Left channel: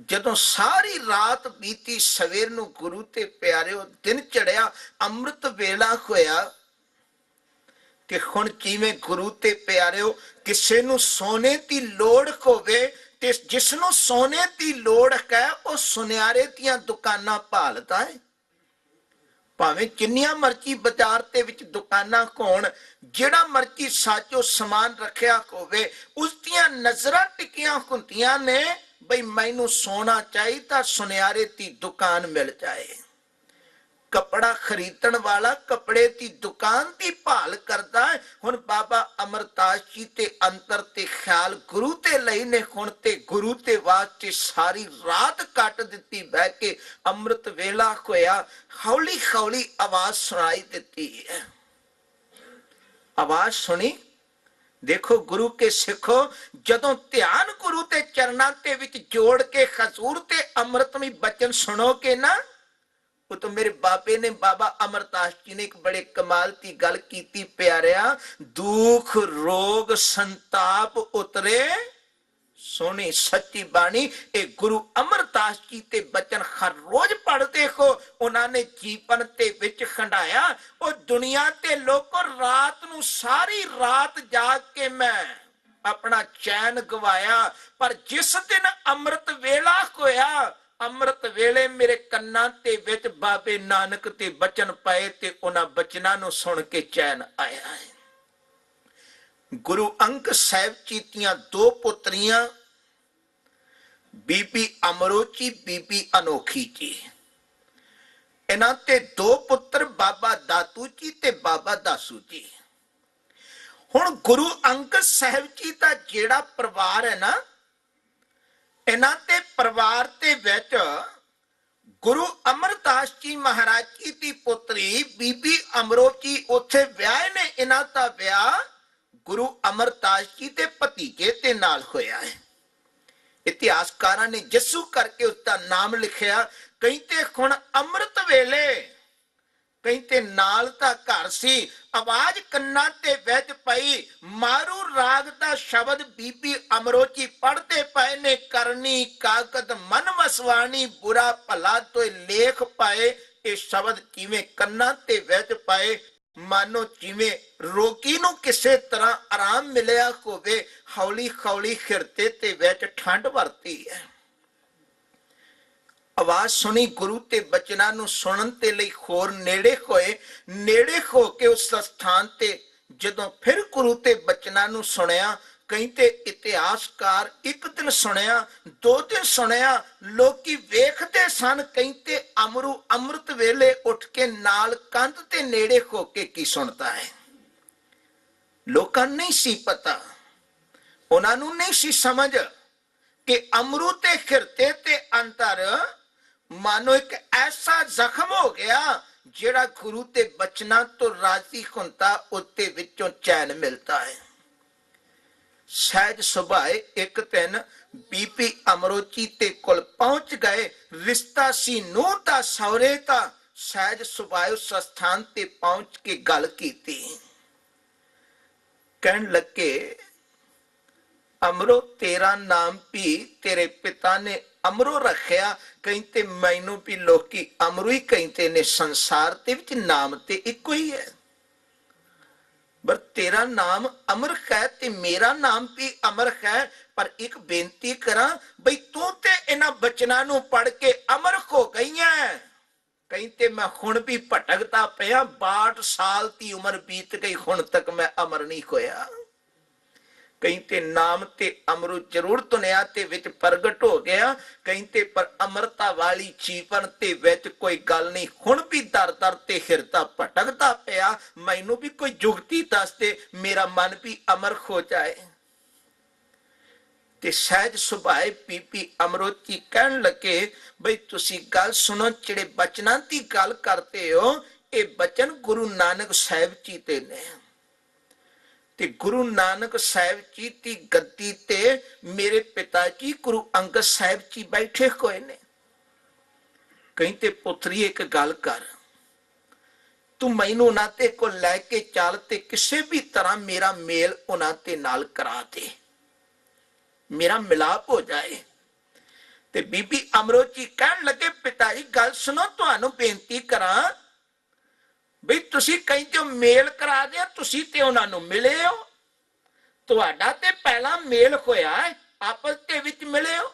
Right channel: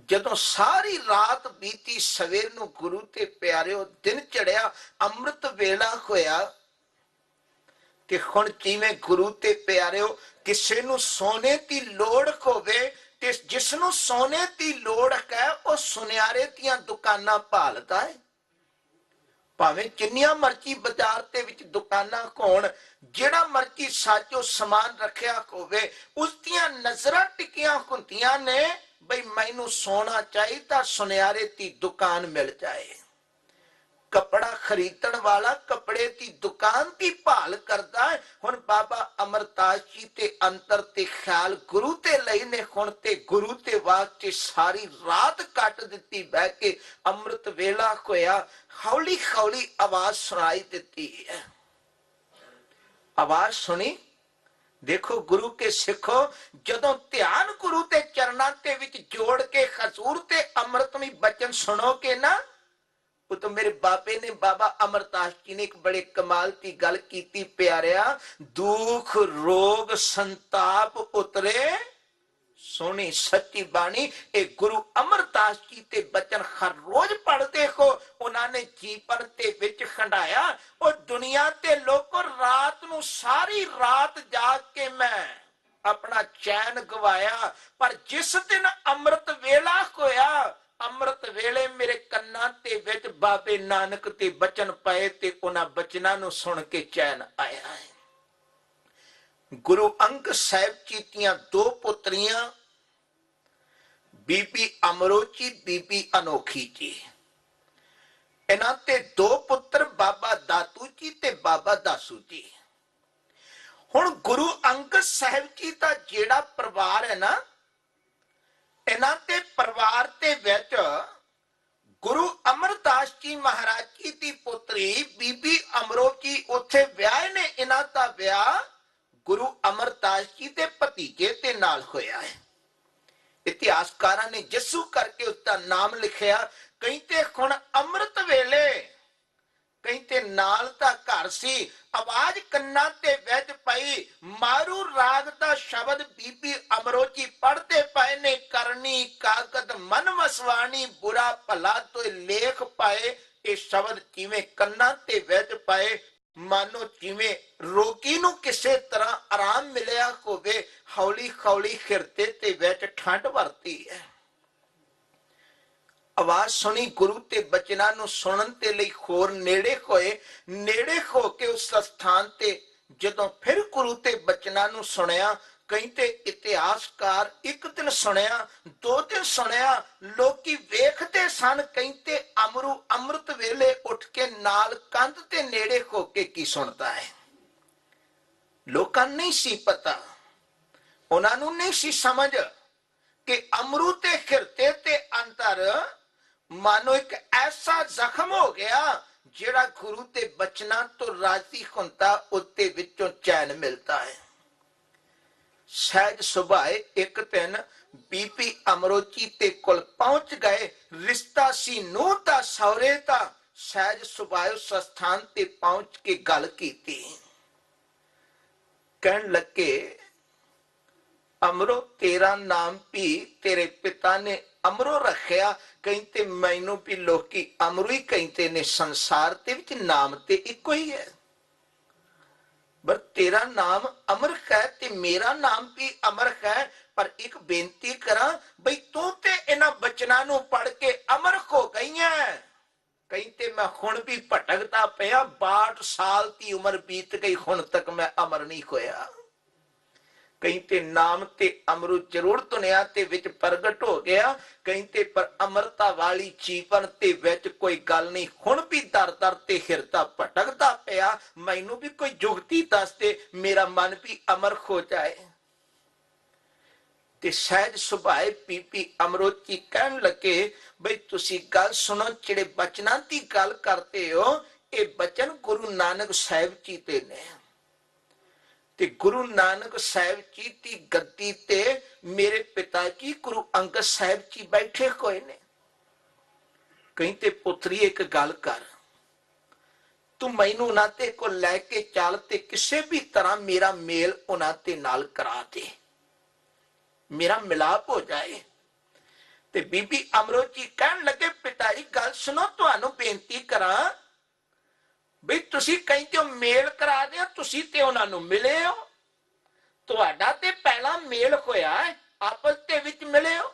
ਜਦੋਂ ਸਾਰੀ ਰਾਤ ਬੀਤੀ, ਸਵੇਰ ਨੂੰ ਗੁਰੂ ਤੇ ਪਿਆਰਿਓ ਦਿਨ ਚੜਿਆ, ਅੰਮ੍ਰਿਤ ਵੇਲਾ ਹੋਇਆ, ਤੇ ਹੁਣ ਜਿਵੇਂ ਗੁਰੂ ਤੇ ਪਿਆਰਿਓ ਕਿਸੇ ਨੂੰ ਸੋਨੇ ਦੀ ਲੋੜ ਹੋਵੇ, ਤੇ ਜਿਸ ਨੂੰ ਸੋਨੇ ਦੀ ਲੋੜ ਹੈ ਉਹ ਸੁਨਿਆਰੇ ਦੀਆਂ ਦੁਕਾਨਾਂ ਭਾਲਦਾ ਹੈ। ਭਾਵੇਂ ਜਿੰਨੀਆਂ ਮਰਜ਼ੀ ਬਾਜ਼ਾਰ ਦੇ ਵਿੱਚ ਦੁਕਾਨਾਂ ਹੋਣ, ਜਿਹੜਾ ਮਰਜ਼ੀ ਸਾਜੋ ਸਮਾਨ ਰੱਖਿਆ ਹੋਵੇ, ਉਸ ਦੀਆਂ ਨਜ਼ਰਾਂ ਟਿਕੀਆਂ ਹੁੰਦੀਆਂ ਨੇ ਬਈ ਮੈਨੂੰ ਸੋਨਾ ਚਾਹੀਦਾ, ਸੁਨਿਆਰੇ ਦੀ ਦੁਕਾਨ ਮਿਲ ਜਾਏ। ਕਪੜਾ ਖਰੀਦਣ ਵਾਲਾ ਕਪੜੇ ਦੀ ਦੁਕਾਨ ਦੀ ਭਾਲ ਕਰਦਾ ਹੈ। ਹੁਣ ਬਾਬਾ ਅਮਰਦਾਸ ਜੀ ਤੇ ਅੰਦਰ ਤੇ ਖਿਆਲ ਗੁਰੂ ਤੇ ਲਈ ਨੇ, ਹੁਣ ਤੇ ਗੁਰੂ ਤੇ ਵਾਸਤੇ ਸਾਰੀ ਰਾਤ ਕੱਟ ਦਿੱਤੀ ਬਹਿ ਕੇ। ਅੰਮ੍ਰਿਤ ਵੇਲਾ ਹੋਇਆ, ਹੌਲੀ ਹੌਲੀ ਆਵਾਜ਼ ਸੁਣਾਈ ਦਿੱਤੀ ਹੈ। ਆਵਾਜ਼ ਸੁਣੀ, ਦੇਖੋ ਗੁਰੂ ਕੇ ਸਿੱਖੋ, ਜਦੋਂ ਧਿਆਨ ਗੁਰੂ ਦੇ ਚਰਨਾਂ ਦੇ ਵਿੱਚ ਜੋੜ ਕੇ ਹਜ਼ੂਰ ਤੇ ਅੰਮ੍ਰਿਤਮਈ ਬਚਨ ਸੁਣੋਗੇ ਨਾ, ਉਹ ਤਾਂ ਮੇਰੇ ਬਾਬੇ ਨੇ, ਬਾਬਾ ਅਮਰਦਾਸ ਜੀ ਨੇ ਇੱਕ ਬੜੇ ਕਮਾਲ ਦੀ ਗੱਲ ਕੀਤੀ ਪਿਆਰਿਆ, ਦੁੱਖ ਰੋਗ ਸੰਤਾਪ ਉਤਰੇ ਸੋਹਣੀ ਸੱਚੀ ਬਾਣੀ। ਇਹ ਗੁਰੂ ਅਮਰਦਾਸ ਜੀ ਤੇ ਬਚਨ ਹਰ ਰੋਜ਼ ਪੜ੍ਹਦੇ ਹੋ, ਉਹਨਾਂ ਨੇ ਜੀਵਨ ਦੇ ਵਿੱਚ ਖੰਡਾਇਆ। ਉਹ ਦੁਨੀਆ ਤੇ ਲੋਕੋ ਰਾਤ ਨੂੰ ਸਾਰੀ ਰਾਤ ਜਾਗ ਕੇ ਮੈਂ ਆਪਣਾ ਚੈਨ ਗਵਾਇਆ, ਪਰ ਜਿਸ ਦਿਨ ਅੰਮ੍ਰਿਤ ਵੇਲਾ ਹੋਇਆ, ਅੰਮ੍ਰਿਤ ਵੇਲੇ ਮੇਰੇ ਕੰਨਾਂ ਦੇ ਵਿੱਚ ਬਾਬੇ ਨਾਨਕ ਦੇ ਬਚਨ ਪਏ ਤੇ ਉਹਨਾਂ ਬਚਨਾਂ ਨੂੰ ਸੁਣ ਕੇ ਚੈਨ ਆਇਆ ਹੈ। ਗੁਰੂ ਅੰਗਦ ਸਾਹਿਬ ਜੀ ਦੀਆਂ ਦੋ ਪੁੱਤਰੀਆਂ, ਬੀਬੀ ਅਮਰੋਚੀ, ਬੀਬੀ ਅਨੋਖੀ ਜੀ। ਇਹਨਾਂ ਤੇ ਦੋ ਪੁੱਤਰ ਬਾਬਾ ਦਾਤੂ ਜੀ ਤੇ ਬਾਬਾ ਦਾਸੂ ਜੀ। ਹੁਣ ਗੁਰੂ ਅੰਗਦ ਸਾਹਿਬ ਜੀ ਦਾ ਜਿਹੜਾ ਪਰਿਵਾਰ ਹੈ ਨਾ, ਇਹਨਾਂ ਦੇ ਪਰਿਵਾਰ ਦੇ ਵਿੱਚ ਗੁਰੂ ਅਮਰਦਾਸ ਜੀ ਮਹਾਰਾਜ ਜੀ ਦੀ ਪੁੱਤਰੀ ਬੀਬੀ ਅਮਰੋਚੀ ਉੱਥੇ ਵਿਆਹ ਨੇ। ਇਹਨਾਂ ਦਾ ਵਿਆਹ ਗੁਰੂ ਅਮਰਦਾਸ ਜੀ ਦੇ ਭਤੀਜੇ ਦੇ ਨਾਲ ਹੋਇਆ ਹੈ। ਇਤਿਹਾਸਕਾਰਾਂ ਨੇ ਜੱਸੂ ਕਰਕੇ ਉਸਦਾ ਨਾਮ ਲਿਖਿਆ। ਕਈ ਤੇ ਹੁਣ ਅੰਮ੍ਰਿਤ ਵੇਲੇ, ਕਈ ਤੇ ਨਾਲ ਦਾ ਘਰ ਸੀ, ਆਵਾਜ਼ ਕੰਨਾਂ ਤੇ ਵਿੱਚ ਪਈ, ਮਾਰੂ ਰਾਗ ਦਾ ਸ਼ਬਦ ਬੀਬੀ ਅਮਰੋਚੀ ਪੜ੍ਹਦੇ ਪਏ ਨੇ, ਕਰਨੀ ਕਾਕਤ ਮਨ ਮਸਵਾਣੀ, ਬੁਰਾ ਭਲਾ ਤੋਏ ਲੇਖ ਪਾਏ। ਇਹ ਸ਼ਬਦ ਜਿਵੇਂ ਕੰਨਾਂ ਤੇ ਵਿੱਚ ਪਏ, ਮਾਨੋ ਜਿਵੇਂ ਰੋਗੀ ਨੂੰ ਕਿਸੇ ਤਰ੍ਹਾਂ ਆਰਾਮ ਮਿਲਿਆ ਹੋਵੇ। ਹੌਲੀ ਹੌਲੀ ਹਿਰਦੇ ਤੇ ਵਿੱਚ ਠੰਡ ਵਰਤੀ ਹੈ। ਆਵਾਜ਼ ਸੁਣੀ, ਗੁਰੂ ਤੇ ਬਚਨਾਂ ਨੂੰ ਸੁਣਨ ਦੇ ਲਈ ਹੋਰ ਨੇੜੇ ਹੋਏ। ਨੇੜੇ ਹੋ ਕੇ ਉਸ ਸਥਾਨ ਤੇ ਜਦੋਂ ਫਿਰ ਗੁਰੂ ਤੇ ਬਚਨਾਂ ਨੂੰ ਸੁਣਿਆ, ਕਈ ਤੇ ਇਤਿਹਾਸਕਾਰ ਇੱਕ ਦਿਨ ਸੁਣਿਆ, ਦੋ ਦਿਨ ਸੁਣਿਆ, ਲੋਕੀ ਵੇਖਦੇ ਸਨ। ਕਈ ਤੇ ਅਮਰੂ ਅੰਮ੍ਰਿਤ ਵੇਲੇ ਉੱਠ ਕੇ ਨਾਲ ਕੰਧ ਤੇ ਨੇੜੇ ਹੋ ਕੇ ਕੀ ਸੁਣਦਾ ਹੈ। ਲੋਕਾਂ ਨੂੰ ਨਹੀਂ ਸੀ ਪਤਾ, ਉਹਨਾਂ ਨੂੰ ਨਹੀਂ ਸੀ ਸਮਝ ਕਿ ਅਮਰੂ ਤੇ ਹਿਰਦੇ ਤੇ ਅੰਦਰ ਮਾਨੋ ਇੱਕ ਐਸਾ ਜ਼ਖਮ ਹੋ ਗਿਆ ਜਿਹੜਾ ਗੁਰੂ ਦੇ ਬਚਨਾਂ ਤੋਂ ਰਾਜ਼ੀ ਹੁੰਦਾ, ਉੱਤੇ ਵਿੱਚੋਂ ਚੈਨ ਮਿਲਦਾ ਹੈ। ਸਹਿਜ ਸੁਭਾਏ ਇੱਕ ਦਿਨ ਬੀਬੀ ਅਮਰੋਚੀ ਤੇ ਕੋਲ ਪਹੁੰਚ ਗਏ। ਰਿਸ਼ਤਾ ਸੀ ਨੂੰਹ ਦਾ ਸਹੁਰੇ ਦਾ। ਸਹਿਜ ਸੁਭਾਏ ਉਸ ਸਥਾਨ ਤੇ ਪਹੁੰਚ ਕੇ ਗੱਲ ਕੀਤੀ। ਕਹਿਣ ਲੱਗੇ, ਅਮਰੋ ਤੇਰਾ ਨਾਮ ਵੀ ਤੇਰੇ ਪਿਤਾ ਨੇ ਅਮਰੋ ਰੱਖਿਆ। ਕਹਿੰਦੇ ਮੈਨੂੰ ਵੀ ਲੋਕੀ ਅਮਰੂ ਹੀ ਕਹਿੰਦੇ ਨੇ, ਸੰਸਾਰ ਦੇ ਵਿੱਚ ਨਾਮ ਤੇ ਇੱਕੋ ਹੀ ਹੈ, ਪਰ ਤੇਰਾ ਨਾਮ ਅਮਰ ਹੈ ਤੇ ਮੇਰਾ ਨਾਮ ਵੀ ਅਮਰ ਹੈ। ਪਰ ਇੱਕ ਬੇਨਤੀ ਕਰਾਂ, ਬਈ ਤੂੰ ਤੇ ਇਹਨਾਂ ਬਚਨਾਂ ਨੂੰ ਪੜ ਕੇ ਅਮਰ ਹੋ ਗਈਆਂ। ਕਹਿੰਦੇ ਮੈਂ ਹੁਣ ਵੀ ਭਟਕਦਾ ਪਿਆ, 62 ਸਾਲ ਦੀ ਉਮਰ ਬੀਤ ਗਈ, ਹੁਣ ਤੱਕ ਮੈਂ ਅਮਰ ਨਹੀਂ ਹੋਇਆ। ਕਹਿੰਦੇ ਨਾਮ ਤੇ ਅਮਰੂ ਜ਼ਰੂਰ ਦੁਨੀਆ ਤੇ ਵਿੱਚ ਪ੍ਰਗਟ ਹੋ ਗਿਆ। ਕਹਿੰਦੇ ਪਰ ਅਮਰਤਾ ਵਾਲੀ ਜੀਵਨ ਤੇ ਵਿੱਚ ਕੋਈ ਗੱਲ ਨਹੀਂ। ਹੁਣ ਵੀ ਦਰ ਦਰ ਤੇ ਹਿਰਦਾ ਭਟਕਦਾ ਪਿਆ, ਮੈਨੂੰ ਵੀ ਕੋਈ ਜੁਗਤੀ ਦੱਸ ਦੇ, ਮੇਰਾ ਮਨ ਵੀ ਅਮਰ ਹੋ ਜਾਏ। ਤੇ ਸਹਿਜ ਸੁਭਾਏ ਬੀਬੀ ਅਮਰੋਚੀ ਕਹਿਣ ਲੱਗੇ, ਬਈ ਤੁਸੀਂ ਗੱਲ ਸੁਣੋ, ਜਿਹੜੇ ਬਚਨਾਂ ਦੀ ਗੱਲ ਕਰਦੇ ਹੋ, ਇਹ ਬਚਨ ਗੁਰੂ ਨਾਨਕ ਸਾਹਿਬ ਜੀ ਦੇ ਨੇ। ਤੇ ਗੁਰੂ ਨਾਨਕ ਸਾਹਿਬ ਜੀ ਦੀ ਗੱਦੀ ਤੇ ਮੇਰੇ ਪਿਤਾ ਜੀ ਗੁਰੂ ਅੰਗਦ ਸਾਹਿਬ ਜੀ ਬੈਠੇ ਹੋਏ ਨੇ। ਕਹਿੰਦੇ ਪੁੱਤਰੀ ਇੱਕ ਗੱਲ ਕਰ, ਤੂੰ ਮੈਨੂੰ ਉਹਨਾਂ ਤੇ ਕੋਲ ਲੈ ਕੇ ਚੱਲ ਤੇ ਕਿਸੇ ਵੀ ਤਰ੍ਹਾਂ ਮੇਰਾ ਮੇਲ ਉਹਨਾਂ ਤੇ ਨਾਲ ਕਰਾ ਦੇ, ਮੇਰਾ ਮਿਲਾਪ ਹੋ ਜਾਏ। ਤੇ ਬੀਬੀ ਅਮਰੋ ਜੀ ਕਹਿਣ ਲੱਗੇ ਪਿਤਾ ਜੀ ਗੱਲ ਸੁਣੋ, ਤੁਹਾਨੂੰ ਬੇਨਤੀ ਕਰਾਂ ਬਈ ਤੁਸੀਂ ਕਹਿੰਦੇ ਹੋ ਮੇਲ ਕਰਾ ਦਿਆ, ਤੁਸੀਂ ਤੇ ਉਹਨਾਂ ਨੂੰ ਮਿਲੇ ਹੋ, ਤੁਹਾਡਾ ਤੇ ਪਹਿਲਾਂ ਮੇਲ ਹੋਇਆ ਹੈ, ਆਪਸ ਦੇ ਵਿੱਚ ਮਿਲੇ ਹੋ।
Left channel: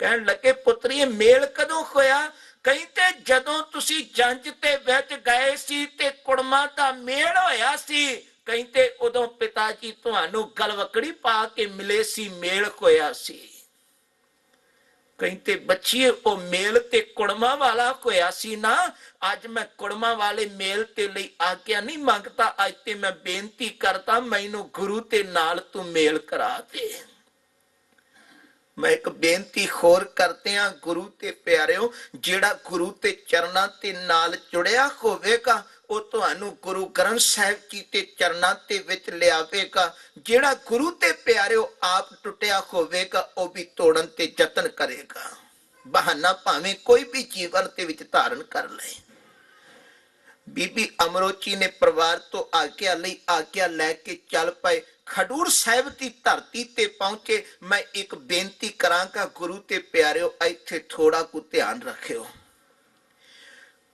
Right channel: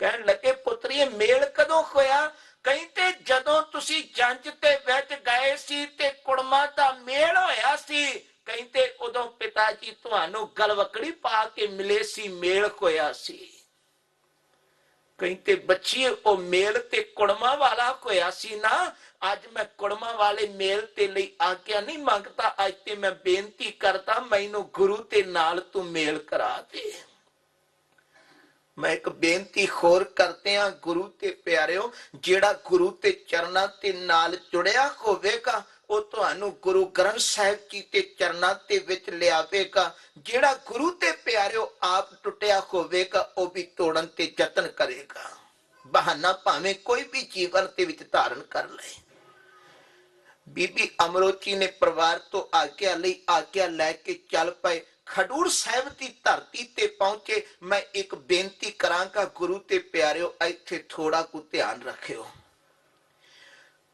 ਕਹਿਣ ਲੱਗੇ ਪੁੱਤਰੀ ਮੇਲ ਕਦੋਂ ਹੋਇਆ? ਕਹਿੰਦੇ ਜਦੋਂ ਤੁਸੀਂ ਜੰਜ ਤੇ ਵਿੱਚ ਗਏ ਸੀ ਤੇ ਕੁੜਮਾ ਦਾ ਮੇਲ ਹੋਇਆ ਸੀ, ਕਹਿੰਦੇ ਉਦੋਂ ਪਿਤਾ ਜੀ ਤੁਹਾਨੂੰ ਗਲਵਕੜੀ ਪਾ ਕੇ ਮਿਲੇ ਸੀ, ਮੇਲ ਹੋਇਆ ਸੀ। ਕਹਿੰਦੇ ਬੱਚੀਏ ਉਹ ਮੇਲ ਤੇ ਕੁੜਮਾ ਵਾਲਾ ਹੋਇਆ ਸੀ ਨਾ, ਅੱਜ ਮੈਂ ਕੁੜਮਾ ਵਾਲੇ ਮੇਲ ਤੇ ਲਈ ਆਗਿਆ ਨਹੀਂ ਮੰਗਦਾ, ਅੱਜ ਤੇ ਮੈਂ ਬੇਨਤੀ ਕਰਦਾ ਮੈਨੂੰ ਗੁਰੂ ਤੇ ਨਾਲ ਤੂੰ ਮੇਲ ਕਰਾ ਦੇ। ਮੈਂ ਇੱਕ ਬੇਨਤੀ ਹੋਰ ਕਰਦੇ ਹਾਂ ਗੁਰੂ ਤੇ ਪਿਆਰਿਓ, ਜਿਹੜਾ ਗੁਰੂ ਤੇ ਚਰਨਾਂ ਤੇ ਨਾਲ ਜੁੜਿਆ ਹੋਵੇਗਾ ਉਹ ਤੁਹਾਨੂੰ ਗੁਰੂ ਗ੍ਰੰਥ ਸਾਹਿਬ ਜੀ ਤੇ ਚਰਨਾਂ ਤੇ ਵਿੱਚ ਲਿਆਵੇਗਾ। ਜਿਹੜਾ ਗੁਰੂ ਤੇ ਪਿਆਰਿਓ ਆਪ ਟੁੱਟਿਆ ਹੋਵੇਗਾ ਉਹ ਵੀ ਤੋੜਨ ਤੇ ਯਤਨ ਕਰੇਗਾ, ਬਹਾਨਾ ਭਾਵੇਂ ਕੋਈ ਵੀ ਜੀਵਨ ਦੇ ਵਿੱਚ ਧਾਰਨ ਕਰ ਲਏ। ਬੀਬੀ ਅਮਰੋ ਜੀ ਨੇ ਪਰਿਵਾਰ ਤੋਂ ਆਗਿਆ ਲਈ, ਆਗਿਆ ਲੈ ਕੇ ਚੱਲ ਪਏ। ਖਡੂਰ ਸਾਹਿਬ ਦੀ ਧਰਤੀ ਤੇ ਪਹੁੰਚੇ। ਮੈਂ ਇੱਕ ਬੇਨਤੀ ਕਰਾਂਗਾ ਗੁਰੂ ਤੇ ਪਿਆਰਿਓ, ਇੱਥੇ ਥੋੜਾ ਕੁ ਧਿਆਨ ਰੱਖਿਓ।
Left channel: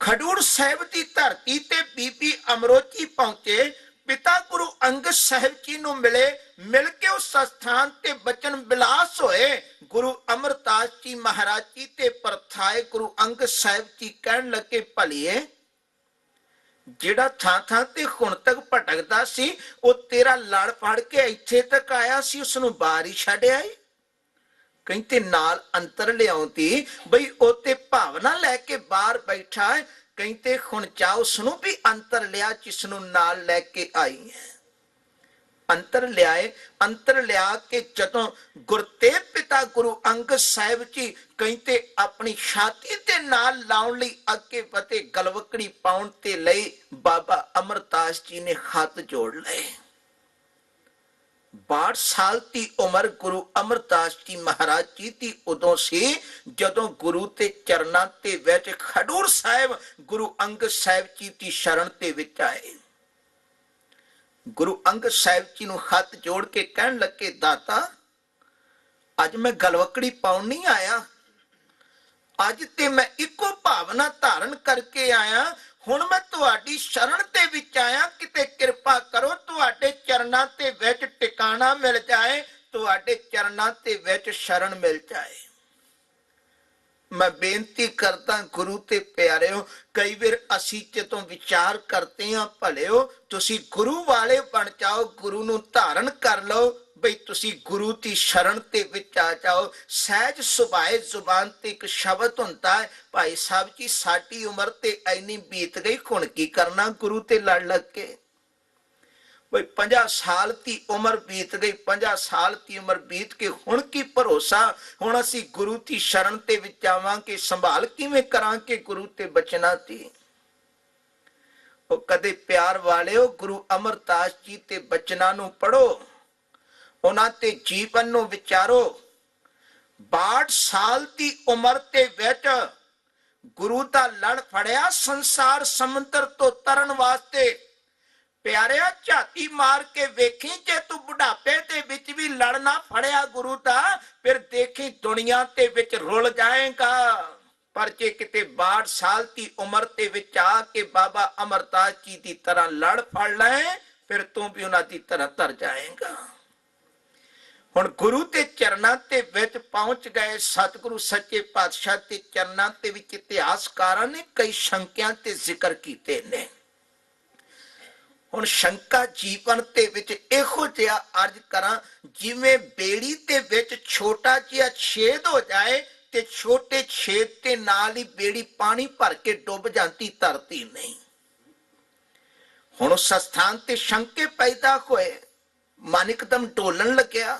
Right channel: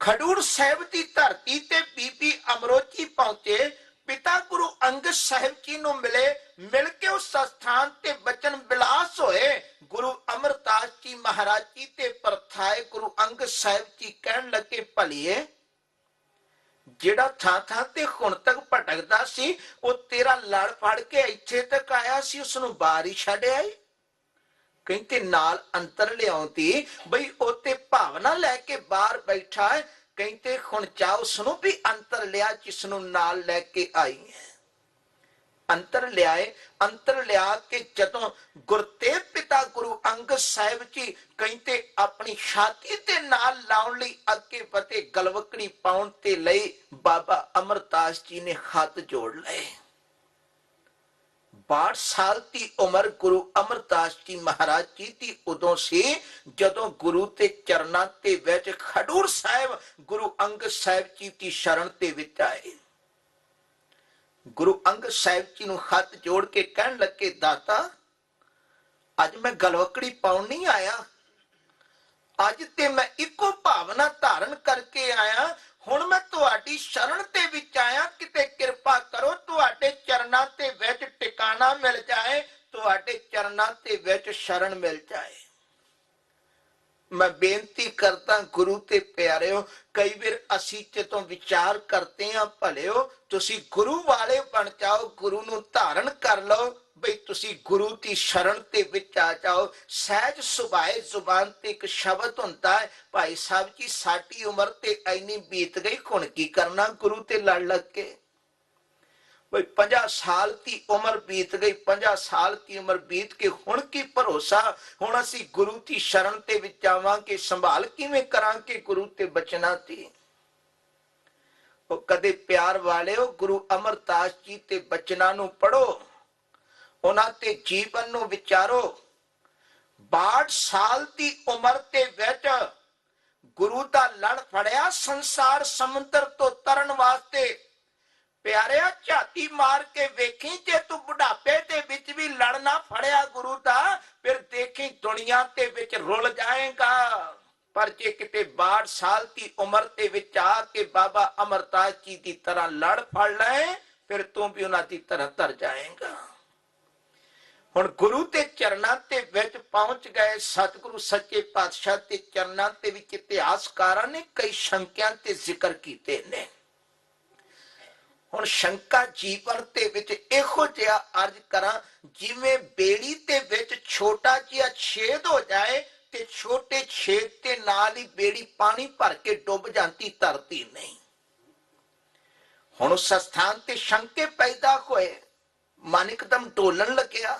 ਖਡੂਰ ਸਾਹਿਬ ਦੀ ਧਰਤੀ ਤੇ ਬੀਬੀ ਅਮਰੋ ਜੀ ਪਹੁੰਚੇ, ਪਿਤਾ ਗੁਰੂ ਅੰਗਦ ਸਾਹਿਬ ਜੀ ਨੂੰ ਮਿਲੇ। ਮਿਲ ਕੇ ਉਸ ਸਥਾਨ ਤੇ ਬਚਨ ਬਿਲਾਸ ਹੋਏ। ਗੁਰੂ ਅਮਰਦਾਸ ਜੀ ਮਹਾਰਾਜ ਜੀ ਤੇ ਪਰਥਾਏ ਗੁਰੂ ਅੰਗਦ ਸਾਹਿਬ ਜੀ ਕਹਿਣ ਲੱਗੇ ਭਲੀਏ ਜਿਹੜਾ ਥਾਂ ਥਾਂ ਤੇ ਹੁਣ ਤੱਕ ਭਟਕਦਾ ਸੀ ਉਹ ਤੇਰਾ ਲੜ ਫੜ ਕੇ ਇੱਥੇ ਤੱਕ ਆਇਆ ਸੀ, ਉਸਨੂੰ ਬਾਹਰ ਹੀ ਛੱਡ ਆਈ। ਕਹਿੰਦੇ ਨਾਲ ਅੰਤਰ ਲਿਆਉਂਦੀ ਬਈ ਉਹ ਤੇ ਭਾਵਨਾ ਲੈ ਕੇ ਬਾਹਰ ਬੈਠਾ ਹੈ। ਕਹਿੰਦੇ ਹੁਣ ਜਾ ਉਸਨੂੰ ਵੀ ਅੰਤਰ ਲਿਆ ਜਿਸਨੂੰ ਨਾਲ ਲੈ ਕੇ ਆਈ ਹੈ। ਅੰਤਰ ਲਿਆਏ। ਅੰਤਰ ਲਿਆ ਕੇ ਜਦੋਂ ਗੁਰਤੇਗ ਪਿਤਾ ਗੁਰੂ ਅੰਗਦ ਸਾਹਿਬ ਜੀ ਕਹਿੰਦੇ ਆਪਣੀ ਛਾਤੀ ਤੇ ਨਾਲ ਲਾਉਣ ਲਈ ਅੱਗੇ ਵਧੇ, ਗਲਵਕੜੀ ਪਾਉਣ ਤੇ ਲਈ ਬਾਬਾ ਅਮਰਦਾਸ ਜੀ ਨੇ ਹੱਥ ਜੋੜ ਲਏ। 62 ਸਾਲ ਦੀ ਉਮਰ ਗੁਰੂ ਅਮਰਦਾਸ ਜੀ ਮਹਾਰਾਜ ਜੀ ਦੀ ਉਦੋਂ ਸੀ ਜਦੋਂ ਗੁਰੂ ਤੇ ਚਰਨਾਂ ਤੇ ਵਿੱਚ ਖਡੂਰ ਸਾਹਿਬ ਗੁਰੂ ਅੰਗਦ ਸਾਹਿਬ ਜੀ ਦੀ ਸ਼ਰਨ ਤੇ ਵਿੱਚ ਆਏ। ਗੁਰੂ ਅੰਗਦ ਸਾਹਿਬ ਜੀ ਨੂੰ ਹੱਥ ਜੋੜ ਕੇ ਕਹਿਣ ਲੱਗੇ ਦਾਤਾ ਅੱਜ ਮੈਂ ਗਲਵਕੜੀ ਪਾਉਣ ਨਹੀਂ ਆਇਆ, ਅੱਜ ਤੇ ਮੈਂ ਇੱਕੋ ਭਾਵਨਾ ਧਾਰਨ ਕਰਕੇ ਆਇਆ। ਹੁਣ ਮੈਂ ਤੁਹਾਡੀ ਸ਼ਰਨ ਤੇ ਵਿੱਚ ਆਇਆ, ਕਿਤੇ ਕਿਰਪਾ ਕਰੋ ਤੁਹਾਡੇ ਚਰਨਾਂ ਤੇ ਵਿੱਚ ਟਿਕਾਣਾ ਮਿਲ ਜਾਏ, ਤੁਹਾਡੇ ਚਰਨਾਂ ਤੇ ਵਿੱਚ ਸ਼ਰਨ ਮਿਲ ਜਾਏ। ਮੈਂ ਬੇਨਤੀ ਕਰਦਾ ਗੁਰੂ ਤੇ ਪਿਆਰਿਓ, ਕਈ ਵਾਰ ਅਸੀਂ ਜਦੋਂ ਵਿਚਾਰ ਕਰਦੇ ਹਾਂ ਭਲਿਓ ਤੁਸੀਂ ਗੁਰੂ ਵਾਲੇ ਬਣ ਜਾਓ, ਗੁਰੂ ਨੂੰ ਧਾਰਨ ਕਰ ਲਓ, ਬਈ ਤੁਸੀਂ ਗੁਰੂ ਦੀ ਸ਼ਰਨ ਤੇ ਵਿੱਚ ਆ ਜਾਓ। ਸਹਿਜ ਸੁਭਾਏ ਜ਼ੁਬਾਨ ਤੇ ਇੱਕ ਸ਼ਬਦ ਹੁੰਦਾ ਹੈ, ਭਾਈ ਸਾਹਿਬ ਜੀ ਸਾਡੀ ਉਮਰ ਤੇ ਐਨੀ ਬੀਤ ਗਈ, ਹੁਣ ਕੀ ਕਰਨਾ ਗੁਰੂ ਤੇ ਲੜ ਲੱਗ ਕੇ। ਬਈ 50 ਸਾਲ ਦੀ ਉਮਰ ਬੀਤ ਗਈ, 50 ਸਾਲ ਦੀ ਉਮਰ ਬੀਤ ਕੇ ਹੁਣ ਕੀ ਭਰੋਸਾ, ਹੁਣ ਅਸੀਂ ਗੁਰੂ ਦੀ ਸ਼ਰਨ ਤੇ ਵਿੱਚ ਆਵਾਂਗੇ, ਸੰਭਾਲ ਕਿਵੇਂ ਕਰਾਂਗੇ ਗੁਰੂ ਤੇ ਬਚਨਾ ਦੀ। ਉਹ ਕਦੇ ਪਿਆਰ ਵਾਲਿਓ ਗੁਰੂ ਅਮਰਦਾਸ ਜੀ ਤੇ ਬਚਨਾਂ ਨੂੰ ਪੜੋ, ਉਹਨਾਂ ਤੇ ਜੀਵਨ ਨੂੰ ਵਿਚਾਰੋ। 62 ਸਾਲ ਦੀ ਉਮਰ ਤੇ ਵਿੱਚ ਗੁਰੂ ਦਾ ਲੜ ਫੜਿਆ ਸੰਸਾਰ ਸਮੁੰਦਰ ਤੋਂ ਤਰਨ ਵਾਸਤੇ। ਪਿਆਰਿਆ ਝਾਤੀ ਮਾਰ ਕੇ ਵੇਖੀ, ਜੇ ਤੂੰ ਬੁਢਾਪੇ ਦੇ ਵਿੱਚ ਵੀ ਲੜਨਾ ਫੜਿਆ ਗੁਰੂ ਦਾ, ਫਿਰ ਦੇਖੀ ਦੁਨੀਆ ਦੇ ਵਿੱਚ ਰੁਲ ਜਾਏਗਾ। ਪਰ ਜੇ ਕਿਤੇ 62 ਸਾਲ ਦੀ ਉਮਰ ਦੇ ਵਿੱਚ ਆ ਕੇ ਬਾਬਾ ਅਮਰਦਾਸ ਜੀ ਦੀ ਤਰ੍ਹਾਂ ਲੜ ਫੜ ਲੈ, ਫਿਰ ਤੂੰ ਵੀ ਉਹਨਾਂ ਦੀ ਤਰ੍ਹਾਂ ਤਰ ਜਾਏਗਾ। ਹੁਣ ਗੁਰੂ ਦੇ ਚਰਨਾਂ ਤੇ ਵਿੱਚ ਪਹੁੰਚ ਗਏ। ਸਤਿਗੁਰੂ ਸੱਚੇ ਪਾਤਸ਼ਾਹ ਦੇ ਚਰਨਾਂ ਦੇ ਵਿੱਚ ਇਤਿਹਾਸਕਾਰਾਂ ਨੇ ਕਈ ਸ਼ੰਕਿਆਂ ਤੇ ਜ਼ਿਕਰ ਕੀਤੇ ਨੇ। ਹੁਣ ਸ਼ੰਕਾ ਜੀਵਨ ਦੇ ਵਿੱਚ ਇਹੋ ਜਿਹਾ ਅਰਜ਼ ਕਰਾਂ, ਜਿਵੇਂ ਬੇੜੀ ਦੇ ਵਿੱਚ ਛੋਟਾ ਜਿਹਾ ਛੇਦ ਹੋ ਜਾਏ ਤੇ ਛੋਟੇ ਛੇਦ ਦੇ ਨਾਲ ਹੀ ਬੇੜੀ ਪਾਣੀ ਭਰ ਕੇ ਡੁੱਬ ਜਾਂਦੀ, ਧਰਤੀ ਨਹੀਂ। ਹੁਣ ਉਸ ਸਥਾਨ ਤੇ ਸ਼ੰਕੇ ਪੈਦਾ ਹੋਏ, ਮਨ ਇੱਕਦਮ ਡੋਲਣ ਲੱਗਿਆ।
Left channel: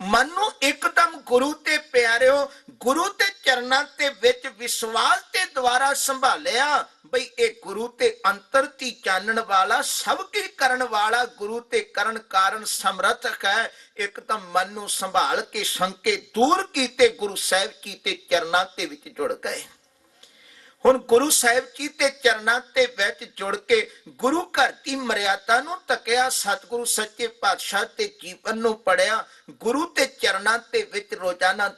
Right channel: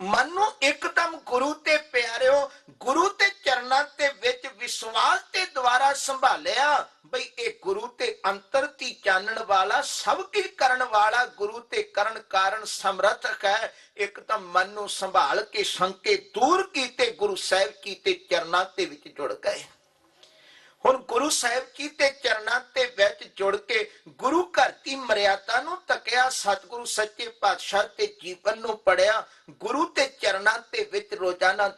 ਮਨ ਨੂੰ ਇੱਕਦਮ ਗੁਰੂ ਤੇ ਪਿਆਰਿਓ, ਗੁਰੂ ਤੇ ਚਰਨਾਂ ਦੇ ਵਿੱਚ ਵਿਸ਼ਵਾਸ ਦੇ ਦੁਆਰਾ ਸੰਭਾਲਿਆ ਬਈ ਇਹ ਗੁਰੂ ਤੇ ਅੰਤਰ ਦੀ ਜਾਣਨ ਵਾਲਾ, ਸਭ ਕੀ ਕਰਨ ਵਾਲਾ, ਗੁਰੂ ਤੇ ਕਰਨ ਕਾਰਨ ਸਮਰਥਕ ਹੈ। ਇੱਕਦਮ ਮਨ ਨੂੰ ਸੰਭਾਲ ਕੇ ਸ਼ੰਕੇ ਦੂਰ ਕੀਤੇ, ਗੁਰੂ ਸਾਹਿਬ ਜੀ ਤੇ ਚਰਨਾਂ ਦੇ ਵਿੱਚ ਜੁੜ ਗਏ। ਹੁਣ ਗੁਰੂ ਸਾਹਿਬ ਜੀ ਦੇ ਚਰਨਾਂ ਦੇ ਵਿੱਚ ਜੁੜ ਕੇ ਗੁਰੂ ਘਰ ਦੀ ਮਰਿਆਦਾ ਨੂੰ ਤੱਕਿਆ, ਸਤਿਗੁਰੂ ਸੱਚੇ ਪਾਤਸ਼ਾਹ ਦੇ ਜੀਵਨ ਨੂੰ ਪੜਿਆ, ਗੁਰੂ ਦੇ ਚਰਨਾਂ ਦੇ ਵਿੱਚ ਰੋਜ਼ਾਨਾ